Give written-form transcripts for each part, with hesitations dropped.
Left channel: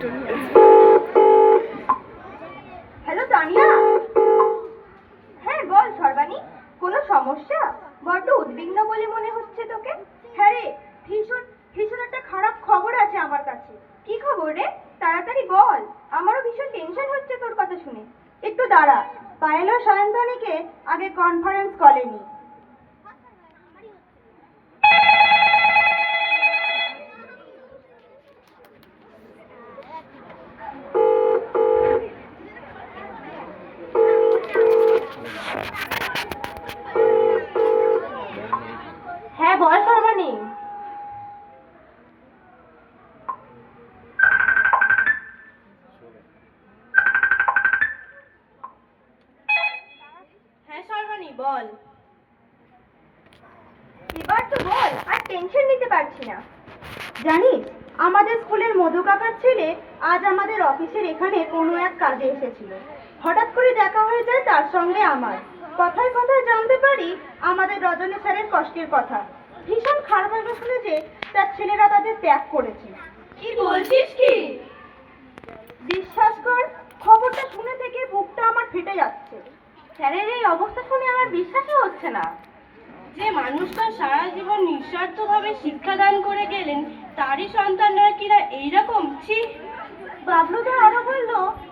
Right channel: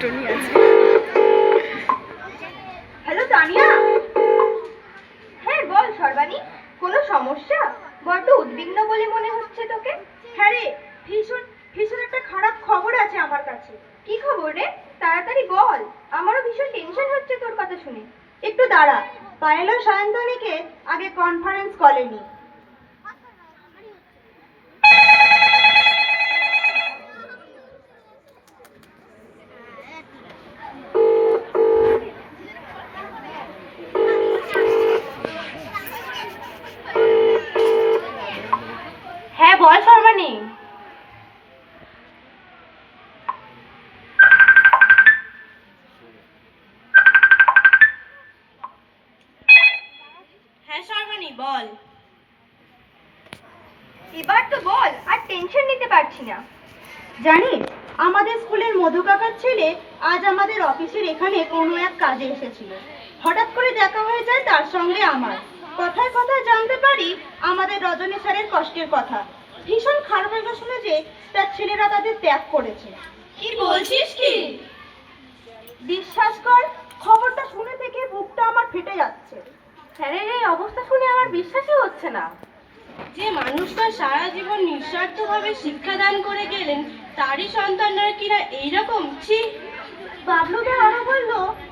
টুনটুনি আছে। হ্যালো তানিয়া। হ্যাঁ বল সর্বাণী, কোনো সমস্যা? বড্ড উদ্বিগ্ন বলে মনে হচ্ছে তোকে। হ্যাঁ রে, ভীষণ ভীষণ একটা খারাপ খবর আছে আমার কাছে। কি খবর রে? তাড়াতাড়ি বল, আমারও ভীষণ টেনশন হচ্ছে তোর কথা শুনে। একটু দাঁড়া, পায়েল ও সায়ন্তনীকে আগে কনফারেন্স কলে নি। হ্যাঁ বল সর্বাণী। হ্যাঁ সর্বাণী বল। এবার তো বল, আর টেনশন নিতে পারছি না। জানিস, আমাদের স্কুলের মধু কাকার ছেলে আজ আমাদের অফিসের এখানে কোনো এক কাজে এসেছিল। হঠাৎ করে দেখা হয়ে যায় তার সঙ্গে আমার। কথায় কথায় জানতে পারি আমাদের রজনী স্যারের কষ্টের কথা। ভীষণ খারাপ লাগলো শুনে যে তার ছেলেরা তাদের ত্যাগ করেছে। কি বলছিস কি? বিশ্বাস কর, খবরটা শুনে থেকে বুকটা আমার ফেটে যাচ্ছে। স্যারের এই অবস্থা শুনে আমার বিশ্বাসই হচ্ছে না। যে মানুষটা সারা জীবন নিঃস্বার্থভাবে শিক্ষাদান করে গেলেন, তারই সন্তানরা কিনা এইরকম। ছি। বাবলুদা আরো বলল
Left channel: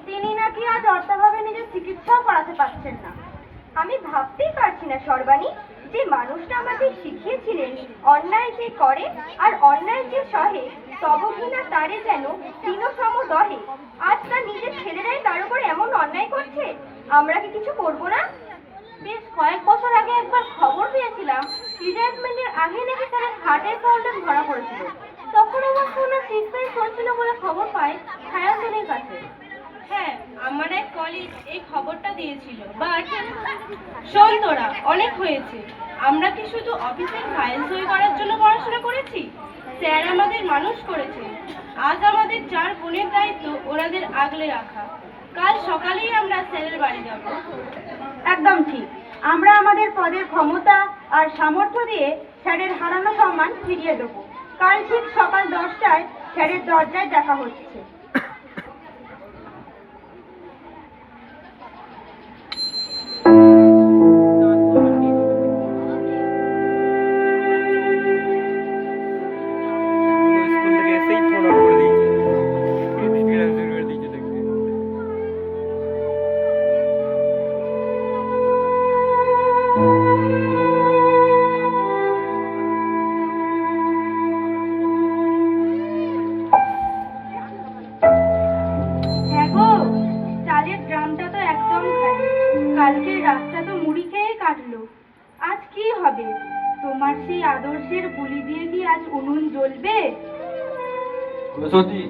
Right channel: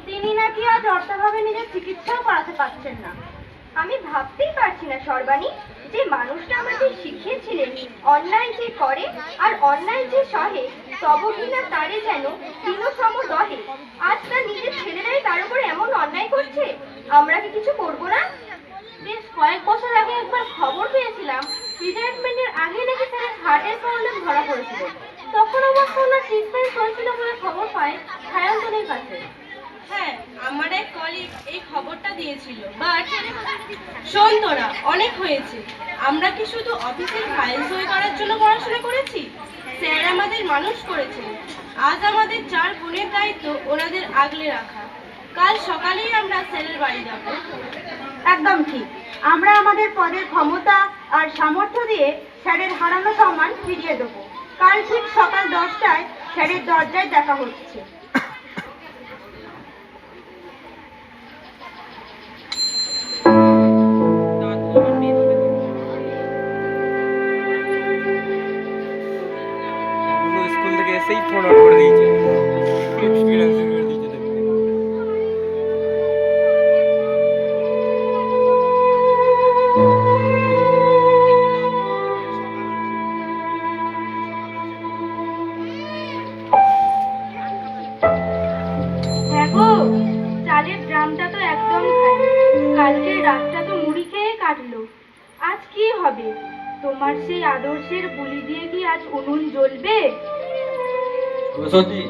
তিনি নাকি আজ অর্থাভাবে নিজের চিকিৎসাও করাতে পারছেন না। আমি ভাবতেই পারছি না সর্বাণী, যে মানুষটা আমাদের শিখিয়েছিলেন অন্যায় যে করে আর অন্যায় যে সহে তব কিনা তারে যেন তৃণসম দহে, আজ তার নিজের ছেলেরাই তার উপর এমন অন্যায় করছে। আমরা কি কিছু করবো না? বেশ কয়েক বছর আগে একবার খবর পেয়েছিলাম রিটায়ারমেন্টের আগে নাকি তার হার্টের প্রবলেম ধরা পড়েছিল। তখন অবশ্য ওনার ট্রিটমেন্ট চলছিল বলে খবর পাই সায়ন্তনীর কাছে। হ্যাঁ, আমার এক কলিগ এই খবরটা দিয়েছিল। বাট শোন তোরা, অনেক হয়েছে। আমরা কি শুধু অফিসের ফাইল সই করার জন্য পড়াশোনা করেছি? স্যার আমাদের মানুষ করেছেন। আজ আমাদের 4 বোনের দায়িত্ব ওনাদের আগলে রাখা। কাল সকালেই আমরা স্যারের বাড়ি যাব। একদম ঠিক। আমরা আমাদের পদের ক্ষমতা আর সামর্থ্য দিয়ে স্যারের হারানো সম্মান ফিরিয়ে দেবো। কাল ঠিক সকাল 10টায় স্যারের দরজায় দেখা হচ্ছে। স্কুল থেকে এসেই ফোন অন করে দিয়েছে, এক্সপিরিয়েন্স করে দিয়েছে দেখতে। হ্যাঁ গো, চালের ড্রামটা তো একদম খালি। কালকে রাতটা তো মুড়ি খেয়ে কাটলো। আজ কি হবে? তোমার সেই আদর্শের গুলি দিয়ে কি আজ উনুন জ্বলবে? সরস্বতী,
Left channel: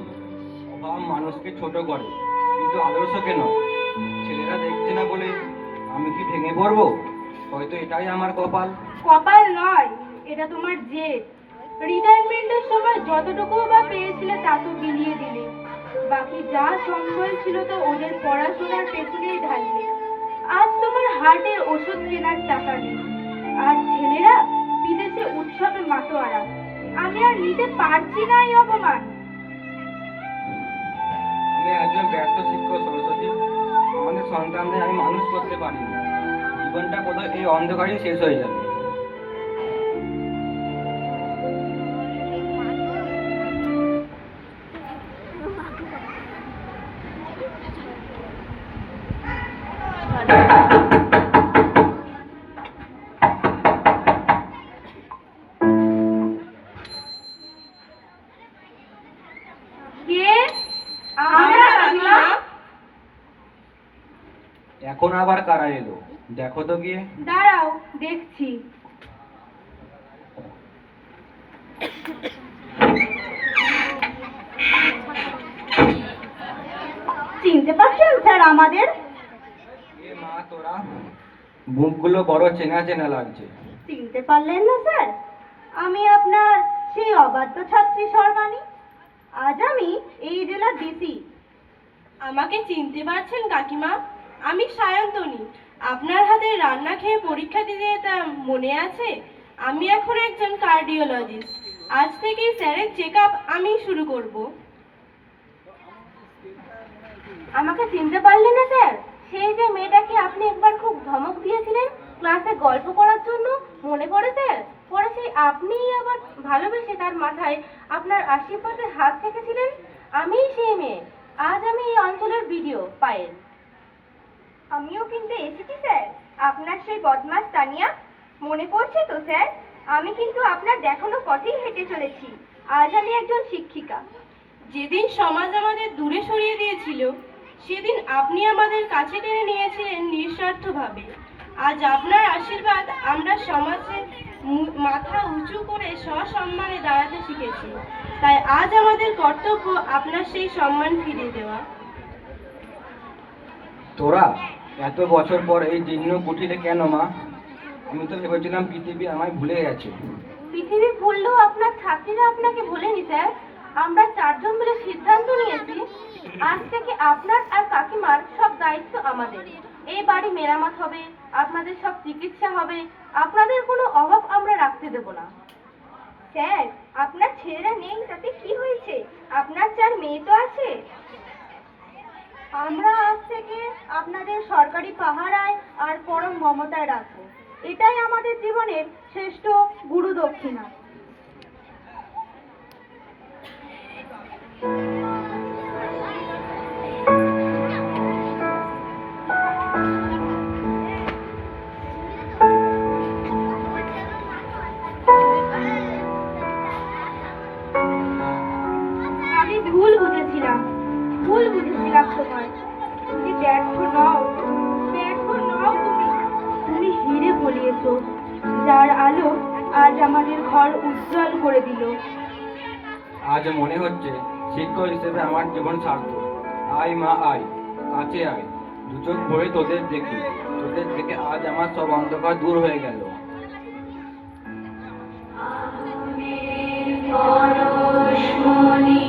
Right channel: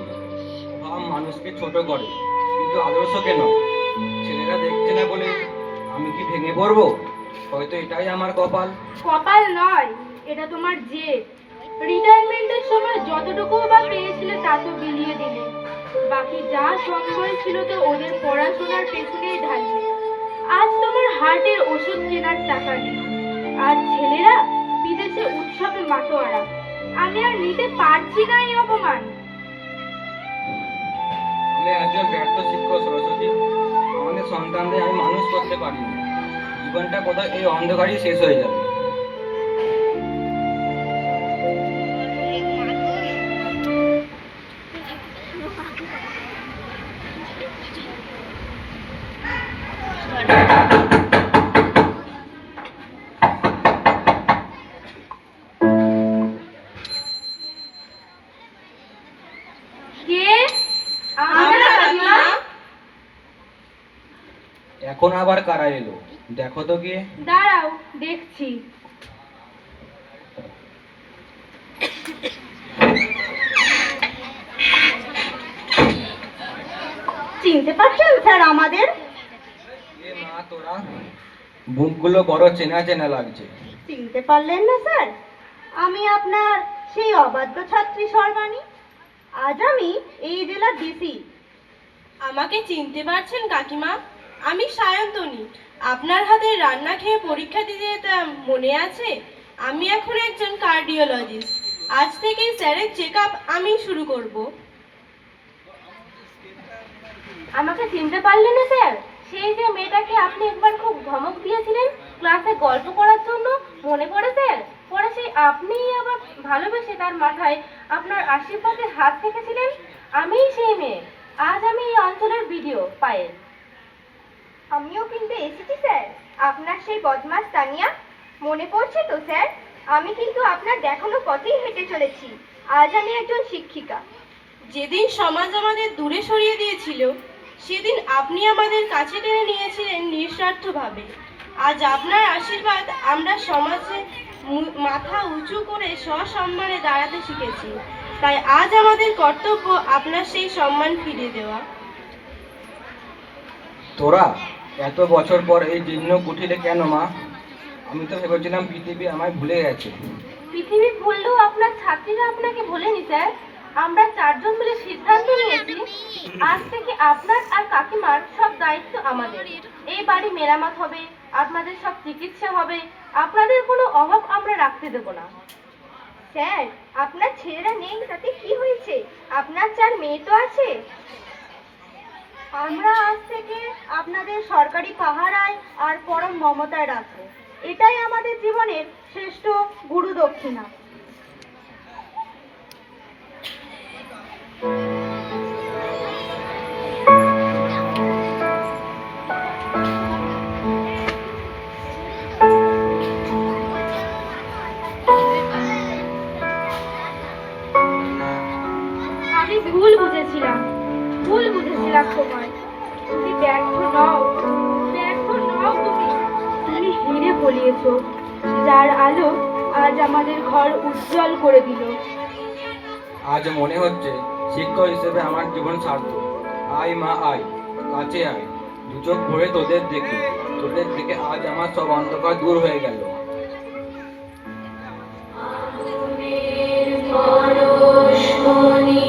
অভাব মানুষকে ছোট করে, কিন্তু আদর্শকে নয়। ছেলেরা দেখছে না বলে আমি কি ভেঙে পড়বো? হয়তো এটাই আমার কপাল। কপাল নয়, এটা তোমার জেদ। রিটায়ারমেন্টের সময় যতটুকু বা পেয়েছিলে তা তো বিলিয়ে দিলে। বাকি যা সম্বল ছিল তো ওদের পড়াশোনার পেছনেই ঢাললে। আজ তোমার হার্টের ওষুধ কেনার টাকা নেই। আর ছেলেরা বিদেশে উৎসবে মাতোয়ারা। আমি আর নিতে পারছি না এই অপমান। আমি একজন ব্যর্থ শিক্ষক সরস্বতী। আমাদের সন্তানদের আমি মানুষ করতে পারিনি। জীবনটা কোথায় এই অন্ধকারই শেষ হয়ে যাবে। কে? আমরা কাকিমা। এখন আবার কারা এলো? দেখো তো গিয়ে। দাঁড়াও, দেখছি। চিনতে পারছেন স্যার আমাদের? এ মা তোরা, মুখগুলো বড় চেনা চেনা লাগছে। চিনতে পারলেন না স্যার? আমি আপনার সেই অবাধ্য ছাত্রী সর্বাণী। আজ আমি এই জেলার ডিসি। আমাকে চিনতে পারছেন কাকিমা? আমি সায়ন্তনী। আপনার হাতে রান্না খেয়ে পরীক্ষা দিতে যেতাম, মনে আছে? আমি এখন একজন কার্ডিওলজিস্ট। আজ থেকেই স্যারের চেকআপ আমি শুরু করব। আমাকে চিনতে পারলেন না স্যার? সেই যে মেয়েটাকে আপনি একবার খুব ধমক দিয়েছিলেন ক্লাসে গল্প করার জন্য, মনে পড়ে স্যার? পরে সেই আপনিই আবার ভালোবেসে তার মাথায় আপনার আশীর্বাদে হাত রেখেছিলেন। আমিই সেই মেয়ে। আজ আমি এই অঞ্চলের ভিডিও পায়েল। আমিও কিন্তু এসেছি স্যার, আপনার সেই বদমাস তানিয়া। মনে পড়ছে তো স্যার? আমি কিন্তু আপনার দেখানো পথেই হেঁটে চলেছি। আজ আমি একজন শিক্ষিকা। যেদিন সমাজ আমাদের দূরে সরিয়ে দিয়েছিল, সেদিন আপনি আমাদের কাছে টেনে নিয়েছিলেন নিঃস্বার্থভাবে। আজ আপনার আশীর্বাদ আমরা সমাজে মাথা উঁচু করে সসম্মানে দাঁড়াতে শিখেছি। তাই আজ আমাদের কর্তব্য আপনার সেই সম্মান ফিরিয়ে দেওয়া। তোরা এত বছর পর এই জীর্ণ কুঠিরে কেন মা? আমি তো ভেবেছিলাম পৃথিবী আমায় ভুলে গেছে। পৃথিবী ভুললেও আপনার ছাত্রীরা আপনাকে ভোলেনি স্যার। আমরা 4 জন মিলে সিদ্ধান্ত নিয়েছি, আজ থেকে আপনার আর কাকিমার সব দায়িত্ব আমাদের। এই বাড়ি মেরামত হবে, আপনাদের সব চিকিৎসা হবে, আপনাদের কোনো অভাব আমরা রাখতে দেব না। স্যার, আপনার ছেলেরা নেই তাতে কি হয়েছে? আপনার 4 মেয়ে তো আছে। আমরা আজ থেকে আপনাদের সরকারি পাহারায় আর পরম মমতায় রাখবো। এটাই আমাদের জীবনের শ্রেষ্ঠ গুরু দক্ষিণা। আমি ভুল বুঝেছিলাম তোমায়। তুমি ব্যর্থ নও তুমি হিরে ফলিয়েছো, যার আলো আজ আমাদের ঘর উজ্জ্বল করে দিল। আজ মনে হচ্ছে শিক্ষক হিসেবে আমার জীবন সার্থক। আয় মা আয়, কাছে আয়, দু চোখ ভরে তোদের দেখে আজ আমার সব অন্ধকার দূর হয়ে গেল। পরশমণি